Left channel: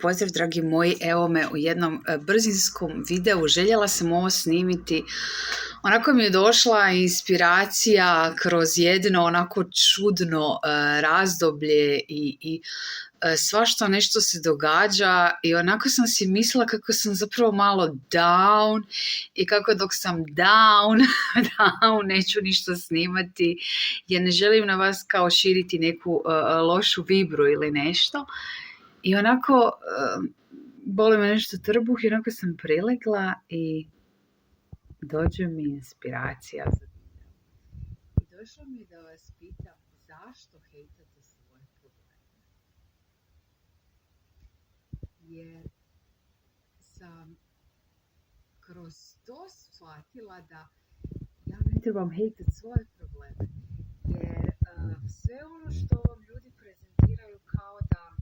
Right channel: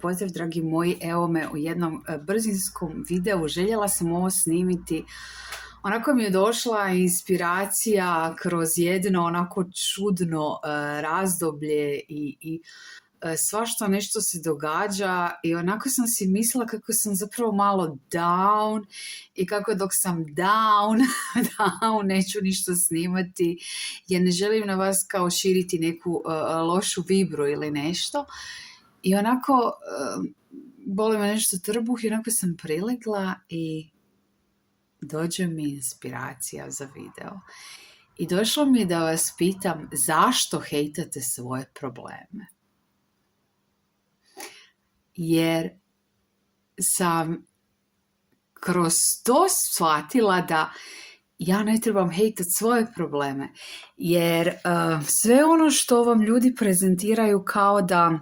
Pozdrav dragi moji, evo me u jednom brzinskom videu, željela sam ovo snimiti, onako mi je došla inspiracija kroz jedno onako čudno razdoblje i svašta nešto se događa i onako sam si mislila kako sam zapravo malo down i kako dok sam down neću ništa snimati jer ne želim na vas kao širiti neku lošu vibru ili nešto. I onako, boli me nešto trbuh i onako sam prilegla i dođe mi inspiracija za video. I došlo mi je da vas pitam zašto hejtate svoje probleme. Jer sam kroz to shvatila da ja ne trebam hejtati svoje probleme. Jer sve ono što vam ljudi prezentiraju kao da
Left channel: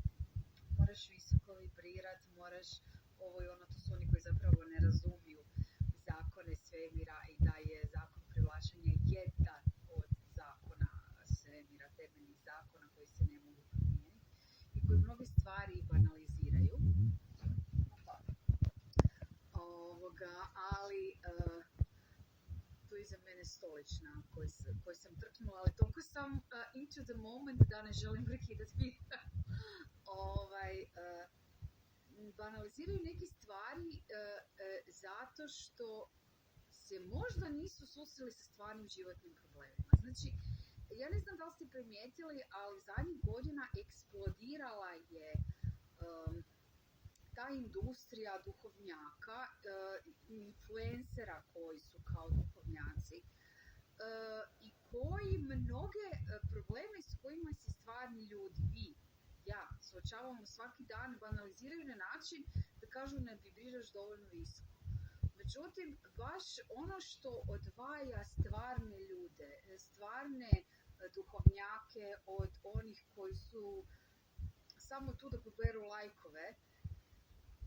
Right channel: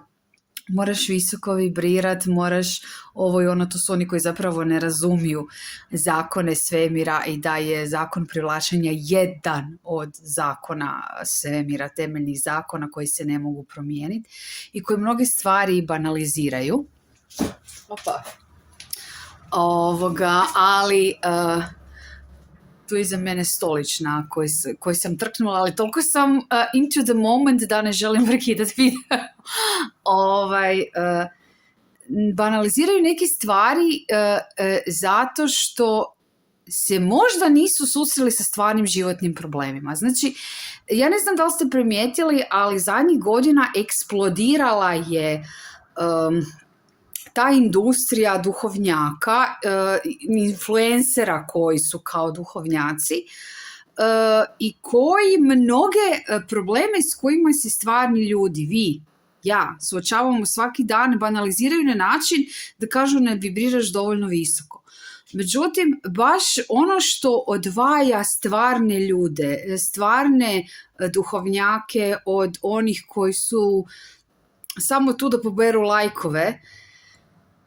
moraš visoko vibrirat, moraš ovo i ono, to su oni koji zapravo ne razumiju zakone svemira i da je zakon privlačenja jedan od zakona svemira, temeljnih zakona koji se ne mogu promijeniti i koji mnoge stvari banaliziraju. Ali tu je iza mene stolična koji sam trknula, ali toliko sam into the moment da ne želim prekidati video. Banaliziraju neke stvari zato što se možda nisu susreli sa stvarnim životnim problemima. Znači, ja ne znam da li ste primijetili, ali zadnjih godina eksplodirala je ta industrija duhovnjaka, influencera koji su kao duhovnjaci i koji mnoge probleme s kojima se stvarni ljudi, vi, ja, suočavamo svaki dan, banaliziraju na način da kažu ne vibriraš dovoljno visoko. Međutim, baš ono što odvaja stvarne ljude, stvarne duhovnjake od onih koji su samo tu da poberu lajkove,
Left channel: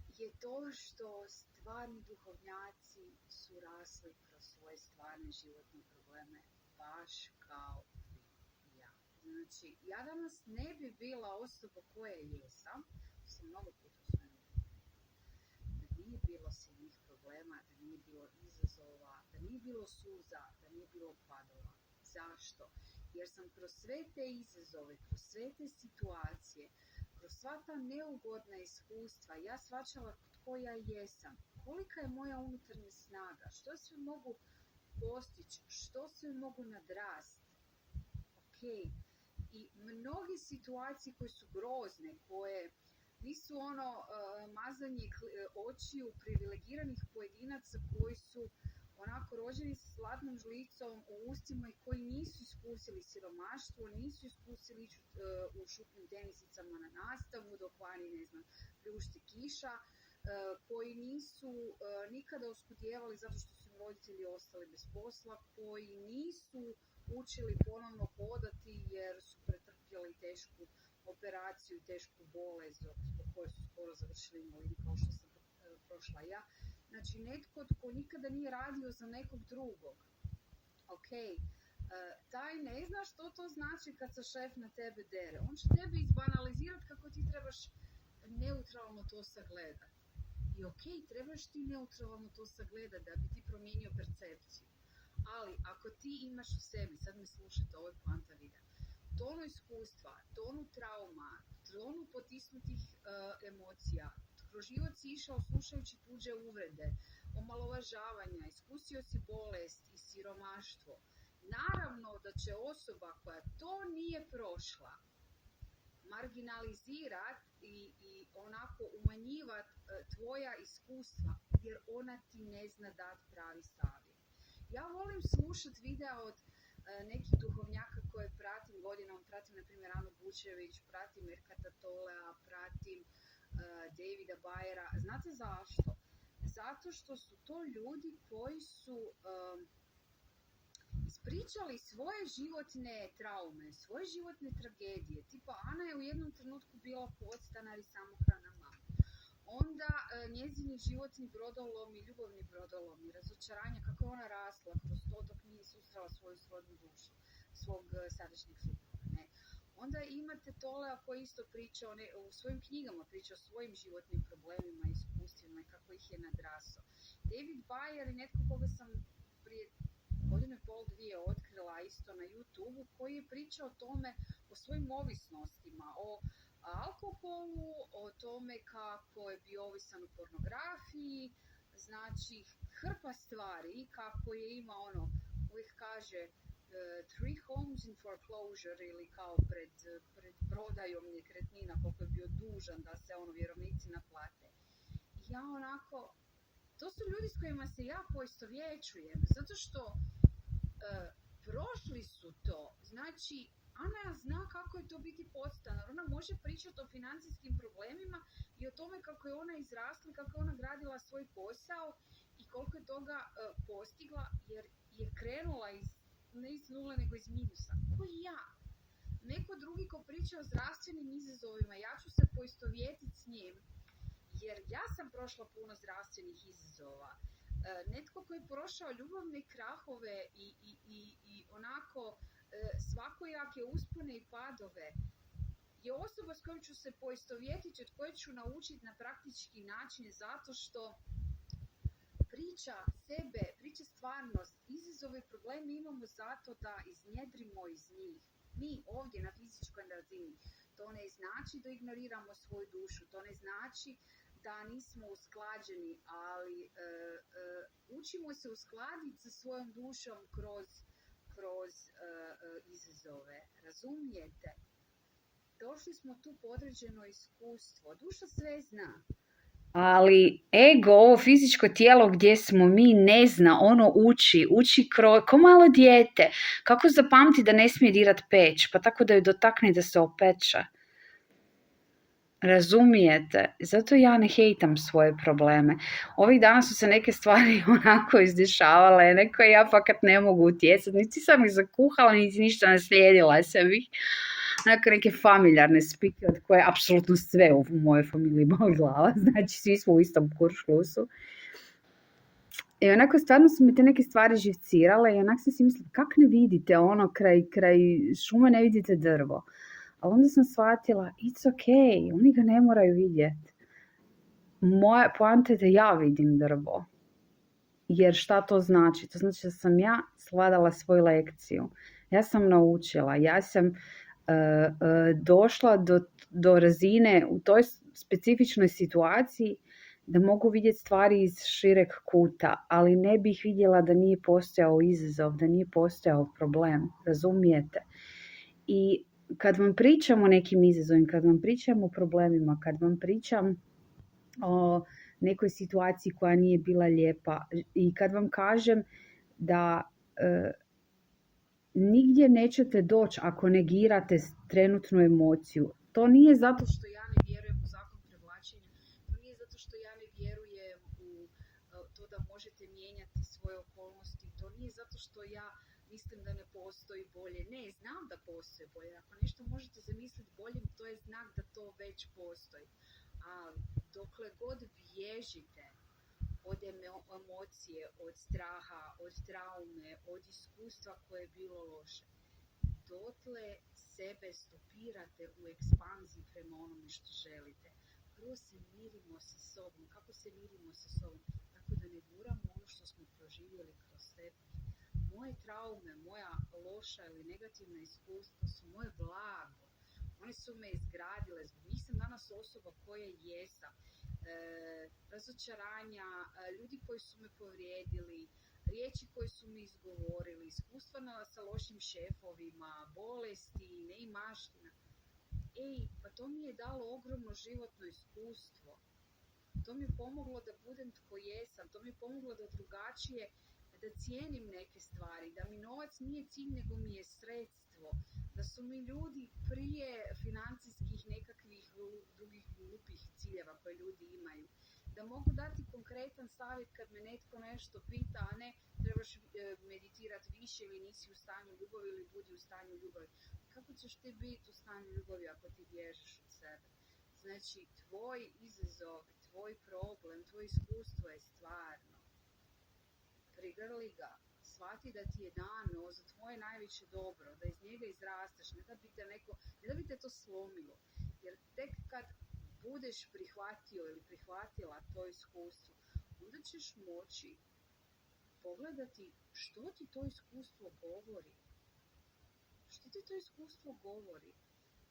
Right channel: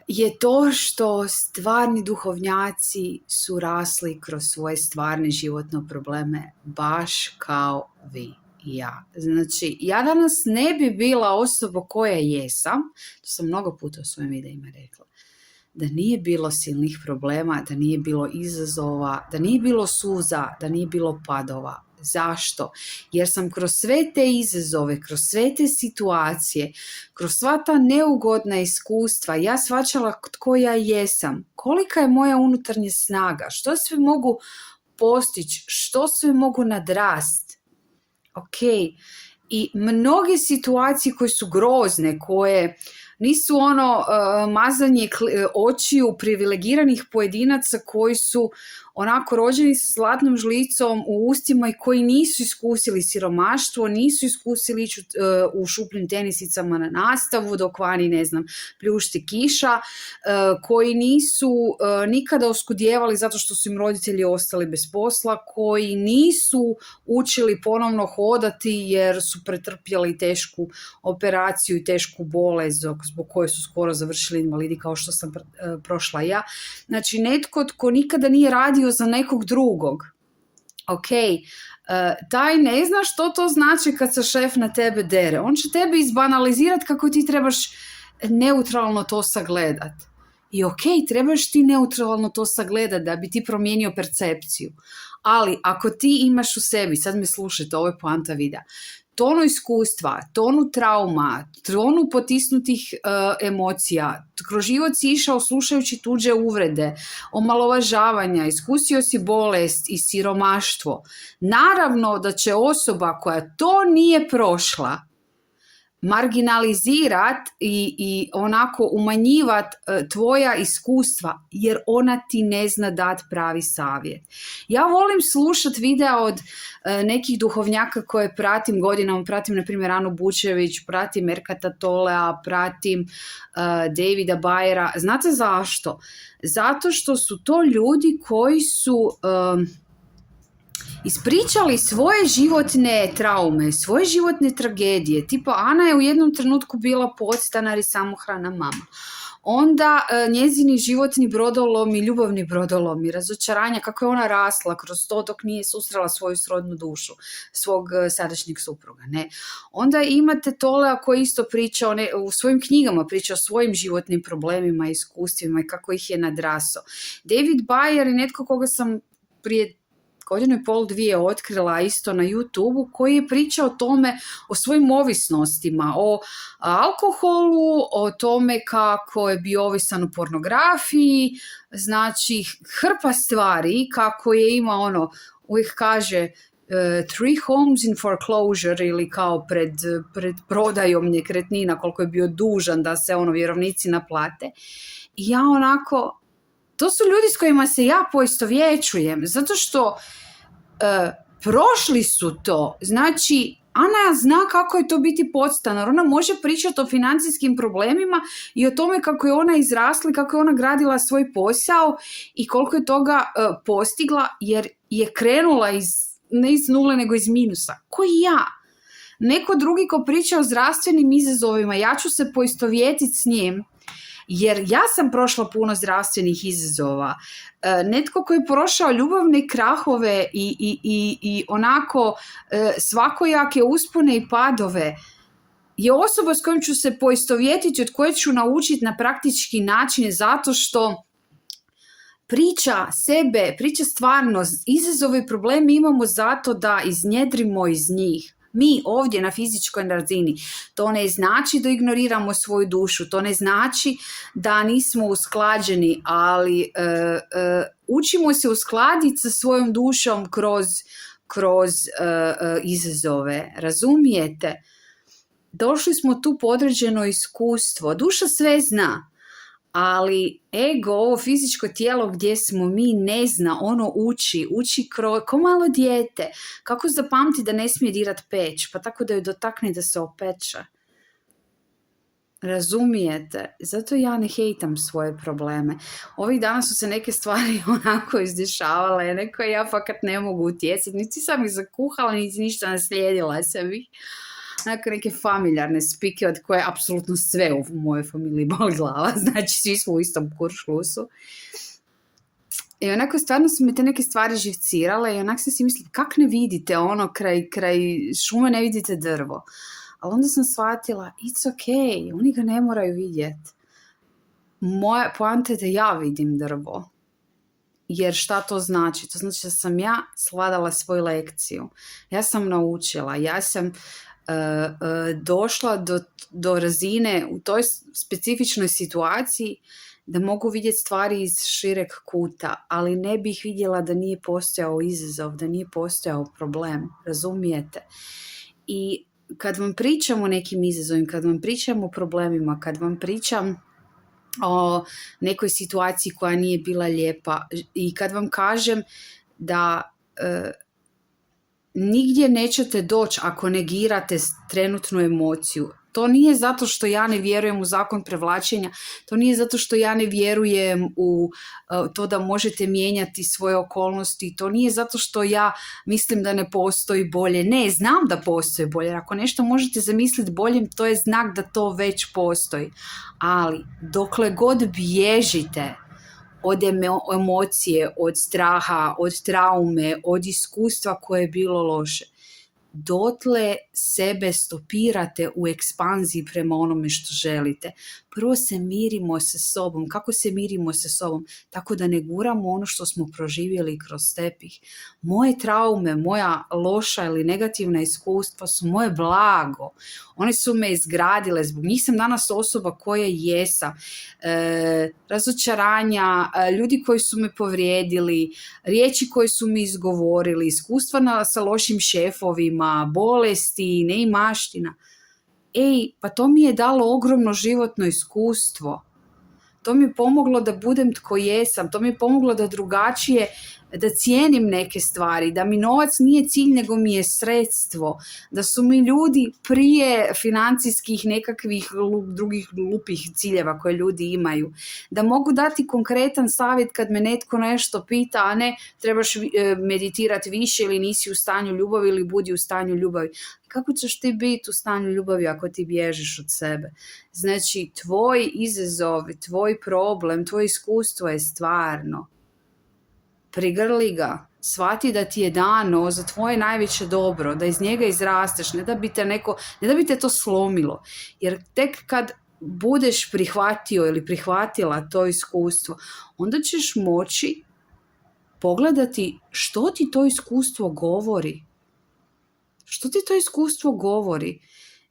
je to što stvarni duhovnjaci su rasli kroz svoje stvarne životne probleme, baš kao vi i ja. Znači, ja danas ne bi bila osoba koja jesam, to sam mnogo puta u svojim videima rekla, da nije bilo silnih problema, da nije bilo izazova, da nije bilo suza, da nije bilo padova. Zašto? Jer sam kroz sve te izazove, kroz sve te situacije, kroz sva ta neugodna iskustva, ja shvaćala tko ja jesam, kolika je moja unutarnja snaga, što sve mogu postići, što sve mogu nadrast. Ok, i mnoge situacije koje su grozne, koje nisu mazanje očiju privilegiranih pojedinaca koji su onako rođeni sa zlatnom žlicom u ustima i koji nisu iskusili siromaštvo, nisu iskusili ići u šupljim tenisicama na nastavu dok vani, ne znam, pljušti kiša, koji nisu nikada oskudijevali zato što su im roditelji ostali bez posla, koji nisu učili ponovno hodati jer su pretrpjeli tešku operaciju i tešku bolest zbog koje su skoro završili invalidi kao što sam prošla ja. Znači, netko tko nikada nije radio za nekog drugog. Ok, taj ne zna što to znači kad se šef na tebe dere. On će tebe izbanalizirati kako ti trebaš neutralno to sagledat. I ok, trebaš ti neutralno to sagledat da bi ti promijenio percepciju. Ali ako ti imaš u sebi, sad me slušajte, ovo je poanta videa, tonu iskustva, tonu trauma, tonu potisnutih emocija, kroz život si išao slušajući tuđe uvrede, omalovažavanja, iskusio si bolest i siromaštvo. Naravno da će osoba koja to nije prošla marginalizirat i onako umanjivat tvoja iskustva jer ona ti ne zna dat pravi savjet. Ja volim slušat videa od nekih duhovnjaka koje pratim godinama, pratim na primjer Anu Bučević, pratim Erkata Tolea, pratim Davida Bayera. Znate zašto? Zato što su to ljudi koji su ispričali svoje životne traume, svoje životne tragedije. Tipa, Ana je u jednom trenutku bila podstanar i samohrana mama. onda njezini životni brodolomi, ljubavni brodolomi, razočaranja, kako je ona rasla kroz to dok nije susrela svoju srodnu dušu, svog sadašnjeg supruga. Ne? Onda imate Tolea koji isto priča u svojim knjigama, priča o svojim životnim problemima, iskustvima i kako ih je nadrasao. David Bayer je netko koga sam prije 1.5-2 otkrila isto na YouTube-u, koji je pričao o tome, o svojim ovisnostima, o alkoholu, o tome kako je bio ovisan u pornografiji, znači hrpa stvari, kako je imao uvijek kaže 3 homes in foreclosure, ili kao pred prodajom nekretnina, koliko je bio dužan da se vjerovnici naplate. I ja onako, to su ljudi s kojima se ja poistovjećujem, zato što prošli su to. Znači, Ana zna kako je to biti podstanar. Ona može pričati o financijskim problemima i o tome kako je ona izrasla, kako je ona gradila svoj posao i koliko je toga postigla, jer je krenula ne iz nule, nego iz minusa. Ko i ja. Neko drugi ko priča o zdravstvenim izazovima, ja ću se poistovjetiti s njim, jer ja sam prošla puno zdravstvenih izazova. Netko koji je prošao ljubavne krahove i onako svakojake uspone i padove je osoba s kojom ću se poistovjetiti, od koje ću naučiti na praktički način, zato što priča stvarno, izazove i probleme imamo zato da iznjedrimo iz njih. Mi ovdje na fizičkoj razini. To ne znači da ignoriramo svoju dušu, to ne znači da nismo usklađeni, ali učimo se uskladiti sa svojom dušom kroz izazove. Razumijete? Došli smo tu po određeno iskustvo. Duša sve zna. Ali ego, ovo fizičko tijelo gdje smo mi, ne zna, ono uči ko malo dijete. Kako zapamti da ne smije dirat peć, pa tako da ju dotakne da se opeče. Razumijete? Zato ja ne hejtam svoje probleme. Ovih dana su se neke stvari onako izdešavale, neko ja fakat ne mogu utjecati, niti sam ih zakuhala, niti ništa naslijedila sam ih. Onako neke familijarne spike od koje apsolutno sve u mojoj familiji boli glava, znači svi smo u istom kuršlusu. I onako stvarno su mi te neke stvari živcirale i onako sam si mislila, kak ne vidite kraj šume ne vidite drvo. Ali onda sam shvatila, it's okay, oni ga ne moraju vidjeti. Moja poanta je da ja vidim drvo. Jer šta to znači? To znači da sam ja svladala svoju lekciju. Ja sam naučila, ja sam došla do razine u toj specifičnoj situaciji da mogu vidjeti stvari iz šireg kuta, ali ne bih vidjela da nije postojao izazov, da nije postojao problem, razumijete? I kad vam pričam o nekim izazovima, kad vam pričam o problemima, kad vam pričam o nekoj situaciji koja nije bila lijepa i kad vam kažem da nigdje nećete doći ako negirate trenutnu emociju. To nije zato što ja ne vjerujem u zakon prevlačenja, to nije zato što ja ne vjerujem u to da možete mijenjati svoje okolnosti, to nije zato što ja mislim da ne postoji bolje. Ne, znam da postoji bolje. Ako nešto možete zamisliti boljim, to je znak da to već postoji. Ali dokle god bježite od emocije, od straha, od traume, od iskustva koje je bilo loše, dotle sebe stopirate u ekspanziji prema onome što želite. Prvo se mirimo sa sobom. Kako se mirimo sa sobom? Tako da ne guramo ono što smo proživjeli kroz tepih. Moje traume, moja loša ili negativna iskustva su moje blago. One su me izgradile. Zbog njih sam danas osoba koja jesam. Razočaranja, ljudi koji su me povrijedili, riječi koje su mi izgovorili, iskustva sa lošim šefovima, bolesti, neimaština. Pa to mi je dalo ogromno životno iskustvo. To mi je pomoglo da budem tko jesam. To mi je pomoglo da drugačije da cijenim neke stvari, da mi novac nije cilj nego mi je sredstvo, da su mi ljudi prije financijskih nekakvih drugih glupih ciljeva koje ljudi imaju, da mogu dati konkretan savjet kad me netko nešto pita, a ne trebaš meditirati više ili nisi u stanju ljubavi ili budi u stanju ljubavi. Kako ćeš ti biti u stanju ljubavi ako ti bježiš od sebe? Znači, tvoj izazov, tvoj problem, tvoje iskustvo je stvarno. Prigrli ga, shvati da ti je dano za tvoje najveće dobro, da iz njega izrasteš, ne da bi te to slomilo. Jer tek kad budeš prihvatio ili prihvatila to iskustvo, onda ćeš moći pogledati što ti to iskustvo govori. Što ti to iskustvo govori?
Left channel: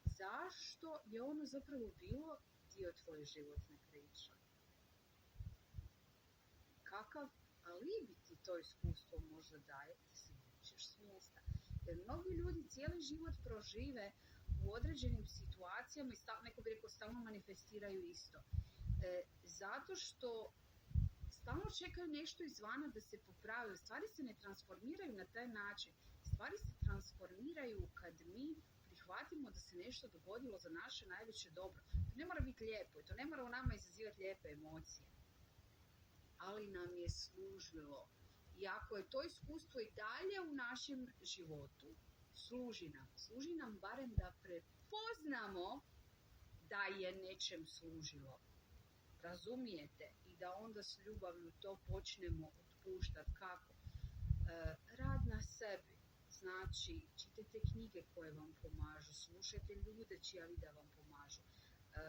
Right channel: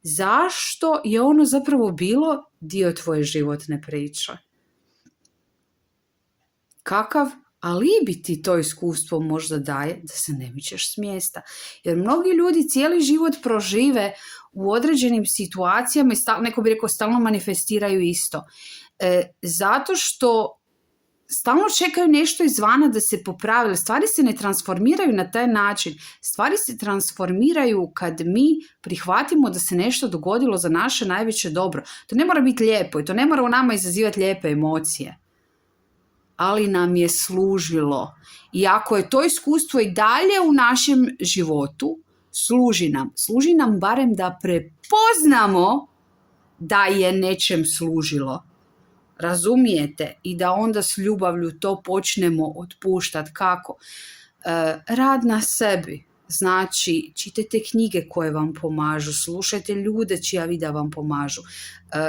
Zašto je ono zapravo bilo dio tvoje životne priče? Kakav alibi ti to iskustvo možda daje da se ne mičeš s mjesta? Jer mnogi ljudi cijeli život prožive u određenim situacijama i neko bi rekao stalno manifestiraju isto. Zato što stalno čekaju nešto izvana da se popravi. Stvari se ne transformiraju na taj način. Stvari se transformiraju kad mi prihvatimo da se nešto dogodilo za naše najveće dobro. To ne mora biti lijepo i to ne mora u nama izazivati lijepe emocije. Ali nam je služilo. I ako je to iskustvo i dalje u našem životu, služi nam barem da prepoznamo da je nečem služilo. Razumijete? I da onda s ljubavlju to počnemo otpuštati. Kako? Rad na sebi. Znači, čitajte knjige koje vam pomažu, slušajte ljude čija videa vam pomažu.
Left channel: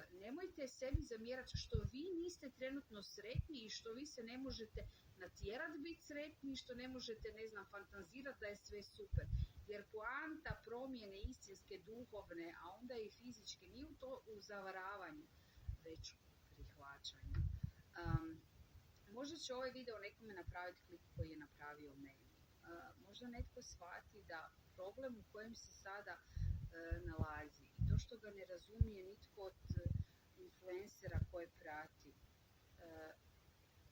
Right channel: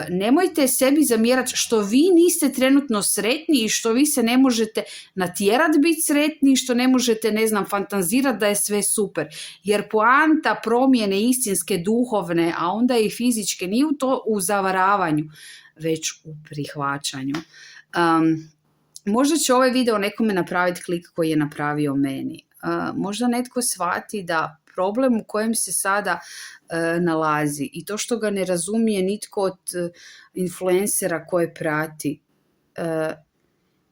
Nemojte sebi zamjerati što vi niste trenutno sretni i što vi se ne možete natjerati biti sretni i što ne možete, fantazirati da je sve super. Jer poanta promjene istinske, duhovne, a onda i fizičke, nije u zavaravanju, već u prihvaćanju. Možda će ovaj video nekome napraviti klik koji je napravio meni. Možda netko shvati da problem u kojem se sada nalazi i to što ga ne razumije nitko od influencera koje prati,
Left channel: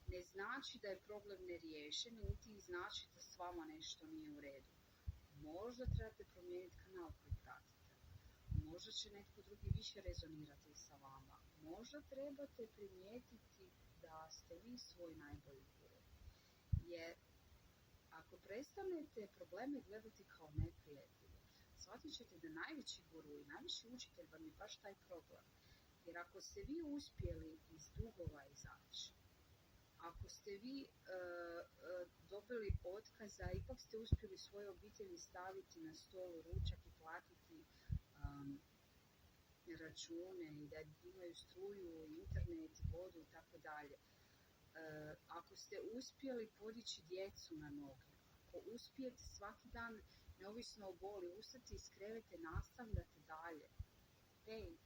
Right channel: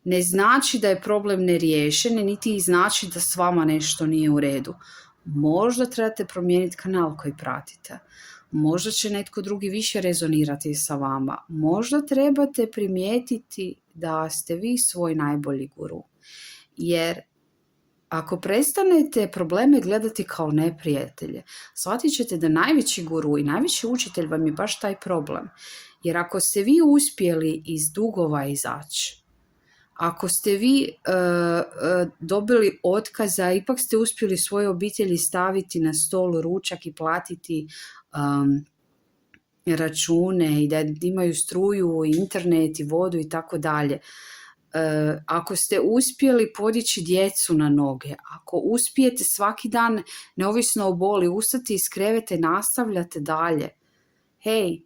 ne znači da je problem neriješen, niti znači da s vama nešto nije u redu. Možda trebate promijeniti kanal koji pratite. Možda će netko drugi više rezonirati sa vama. Možda trebate primijetiti da ste vi svoj najbolji guru. Jer ako prestanete probleme gledati kao neprijatelje, shvatit ćete da najveći guru i najveći učitelj vam je baš taj problem. Jer ako ste vi uspjeli iz dugova izaći, ako ste vi dobili otkaza, ipak ste uspjeli svoje obitelji staviti na stol ručak i platiti račune i da imaju struju, internet i vodu i tako dalje. Ako ste uspjeli podići djecu na noge, ako uspijete svaki dan, neovisno o boli, ustati iz kreveta i nastavljate dalje. Hej,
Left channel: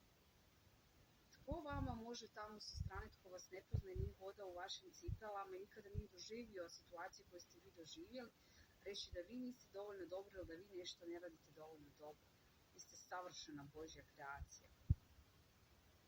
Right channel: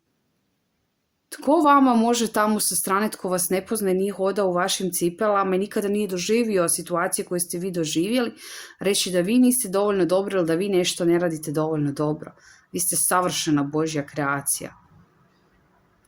tko vama može tamo sa strane, tko vas ne pozna, nije hodao u vašim cipelama i nikada nije doživio situacije koje ste vi doživjeli, reći da vi niste dovoljno dobro ili da vi nešto ne radite dovoljno dobro. Vi ste savršena Božja kreacija.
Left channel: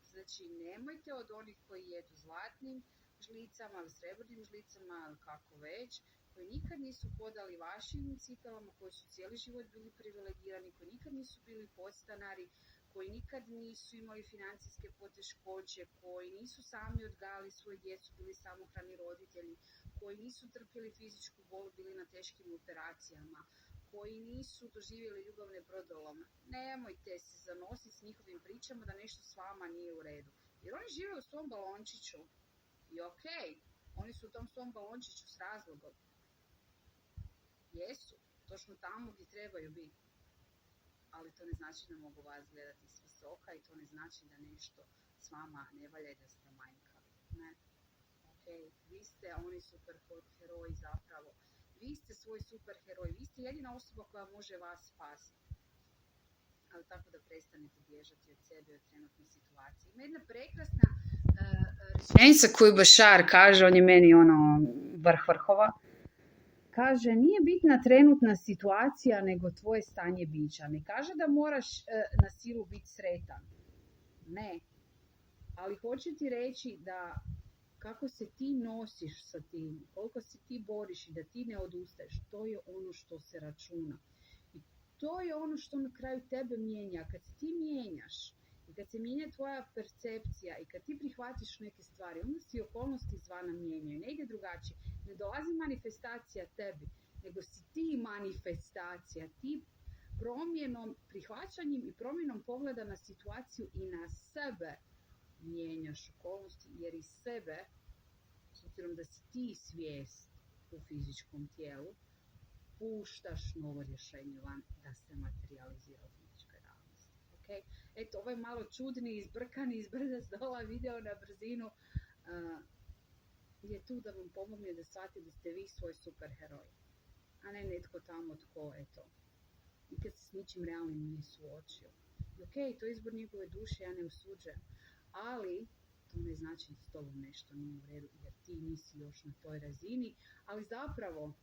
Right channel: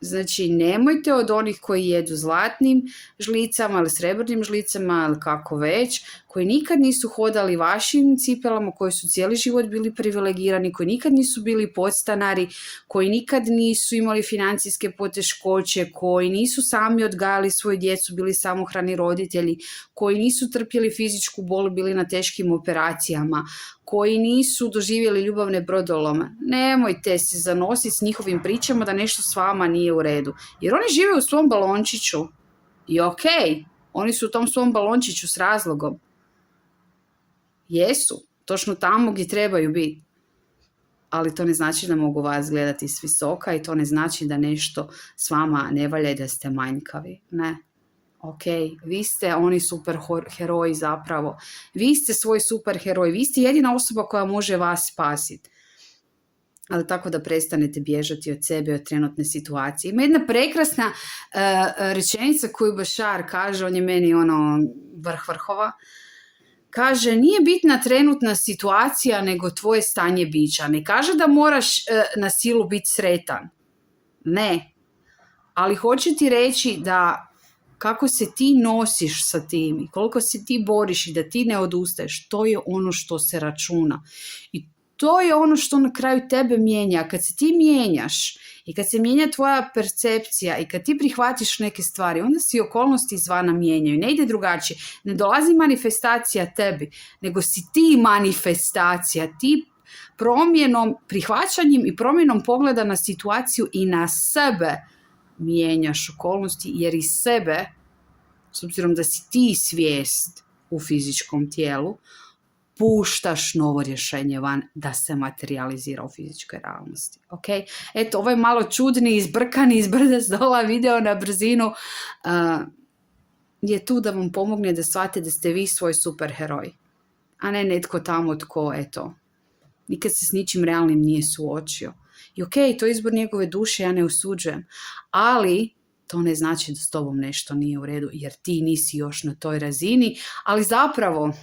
Znači, nemojte od onih koji jedu zlatnim žlicama ili srebrnim žlicama ili kako već, koji nikad nisu hodali vašim cipelama, koji su cijeli život bili privilegirani, koji nikad nisu bili podstanari, koji nikad nisu imali financijske poteškoće, koji nisu sami odgajali svoju djecu, bili samohrani roditelji, koji nisu trpjeli fizičku bol, bili na teškim operacijama, koji nisu doživjeli ljubavne brodolome. Nemojte se zanositi s njihovim pričama da nešto s vama nije u redu. Jer oni žive u svom balončiću. I okej, oni su u tom svom balončiću s razlogom. Jesu, točno tamo gdje trebaju biti. Ali to ne znači da mogu vas gledati s visoka i to ne znači da nešto s vama ne valja i da ste manjkavi. Ne. Ok, vi ste oni super heroji zapravo. Vi ste svoj super heroj. Vi ste jedina osoba koja može vas spasiti. Ali tako da prestanete bježati od sebe, od trenutne situacije. Ima jedna prekrasna rečenica koju Bašar kaže, on je meni vrh vrhova. Kaže, nije bitna trenutna situacija, nego tvoje stanje bića. Ne kaže da moraš na silu biti sretan. Ne. Ali hoće ti reći da kako se ti nosiš sa tim i koliko se ti boriš i da ti ne odustaješ, to je ono što se računa. I to je ono što na kraju tebe mijenja. Kad se ti mijenjaš i kad se mijenja tvoja percepcija i kad ti prihvatiš neke stvari, onda se i okolnosti izvana mijenjaju. Ne ide drugačije. Ne dolazi manifestacija tebi, nego si ti manifestacija. Ti promjenom, prihvaćanjem i promjenom pogleda na situaciju i na sebe mijenjaš okolnosti, jer iz sebe, s obzirom da si ti svijest u fizičkom tijelu, puštaš novo rješenje van da se materializira u fizičkoj realnosti. Okay? Eto, ovo je malo čudni, izbrkani, izbrda zdola video na brzinu. Je tu da vam pomogne da shvatite da ste vi svoj superheroj, a ne netko tamo tko, eto, nikad se s ničim realnim nije suočio. I ok, to je izbor njegove duše, ja ne osuđujem, ali to ne znači da s tobom nešto nije u redu, jer ti nisi još na toj razini, ali zapravo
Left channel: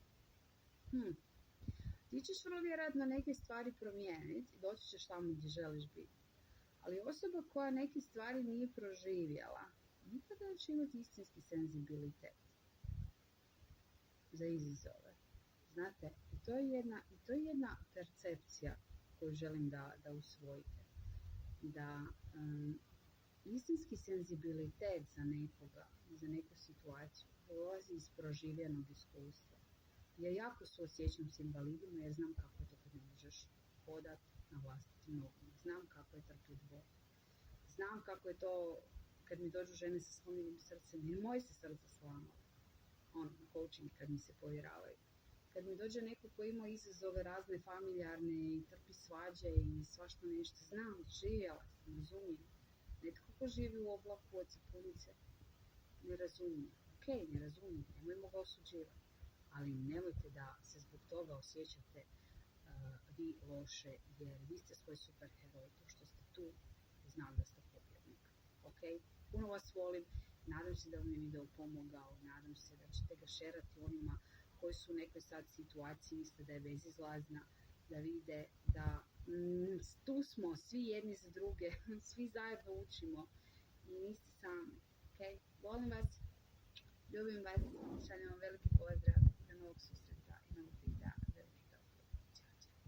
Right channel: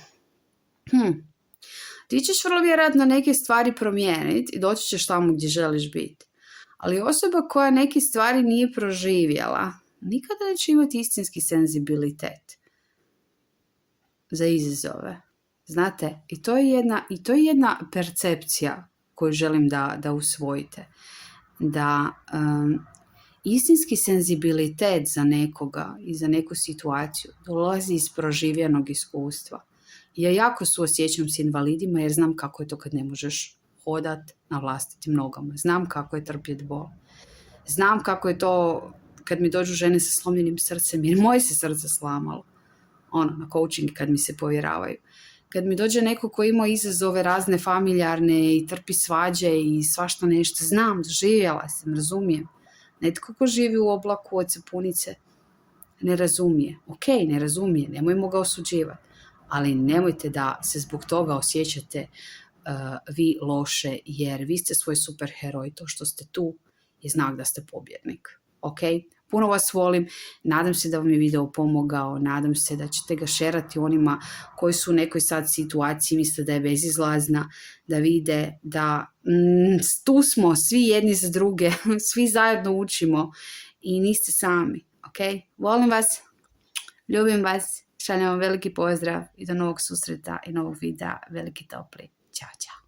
ti ćeš vrlo vjerojatno neke stvari promijeniti i doći ćeš tamo gdje želiš biti. Ali osoba koja neke stvari nije proživjela, nikada neće imati istinski senzibilitet za izazove. Znate, i to je jedna percepcija koju želim da usvojite. Da istinski senzibilitet za nekoga i za neku situaciju dolazi iz proživljenog iskustva. Ja jako suosjećam s invalidima jer znam kako je to kad ne možeš hodat na vlastitim nogama. Znam kako je trpjeti bol. Znam kako je to kad mi dođu žene sa slomljenim srcem, jer moje se srce slamalo. Na coaching kad mi se povjeravaju. Kad mi dođe neko ko ima izazove razne familijarne i trpi svađe i svašta nešto, znam, doživjela sam, razumijem. Netko ko živi u oblaku od sapunice ne razumije. Ok, ne razumije, nemojmo ga osuđivati. Ali nemojte da se zbog toga osjećate vi loše, jer vi ste svoj superheroj. To što ste tu je znak da ste pobjednik. Ok? Puno vas volim, nadam se da vam je video pomogao, nadam se da ćete ga šerati onima koji su u nekoj sad situaciji, misle da je bezizlazna, da vide da tu smo svi jedni za druge, svi zajedno učimo i niste sami. Ok? Volim vas, ljubim vas, šaljem vam veliki pozdrav i do novog susreta i novog videa, veliki topli. Ćao, čao.